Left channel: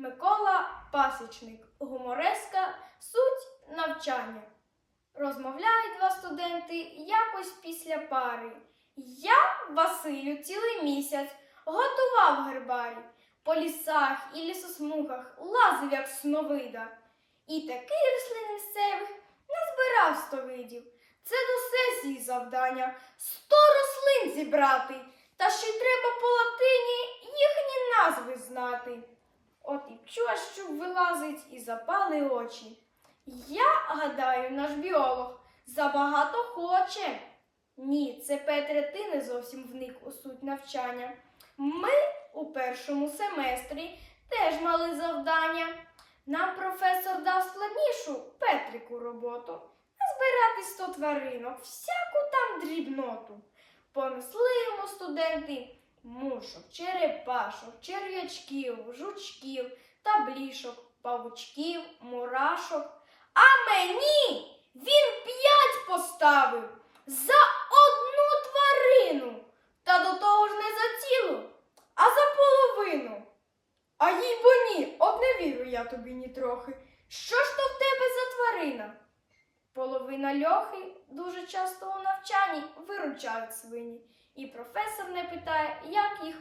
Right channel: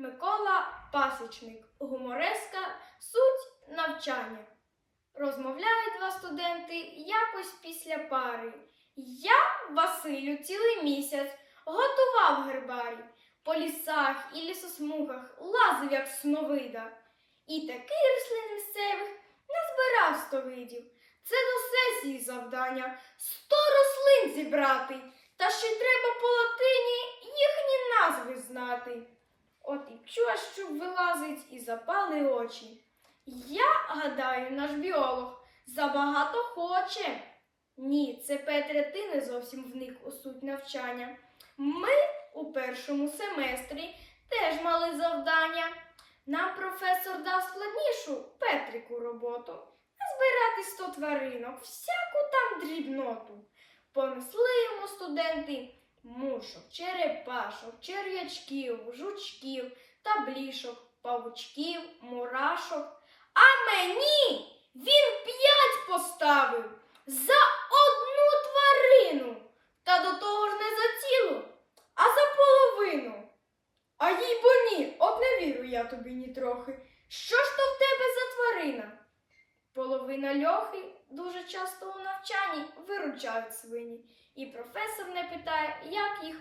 Микола Пасічник, гумореска, суть навчання. Розмовляють два студенти якось після пари. Я, Василю, цілий місяць готував гербарій. По лісах і лісосмугах лазив, як сновида. І таких рослин місцевих назбирав сто видів. Це до сесії завдання сто рослин зібрати, та ще й треба по латині їхні назви знати. От і чощу вилазить і запали очі. Я гадаю, наш біолог забагато хоче. Ні, це Петре, ти не зовсім вник у суть навчання. Ми у першому семестрі теж мали завдання. Нам професор дав складнішу Петрику роботу збирати сто тваринок, всяку там дрібноту. Понесли йому студенти мушок, черепашок, черв'ячків, жучків, таблішок, павучків, мурашок. А мені він п'ять поставив за одну тварину, та до того ж не за цілу, а за половину. А їй бо ні, от не вірю я тобі ні трохи. Що ж то в тебе за тварина? Половина льохи дуже часто у навчанні виручають свині, і професор не питає, як їх.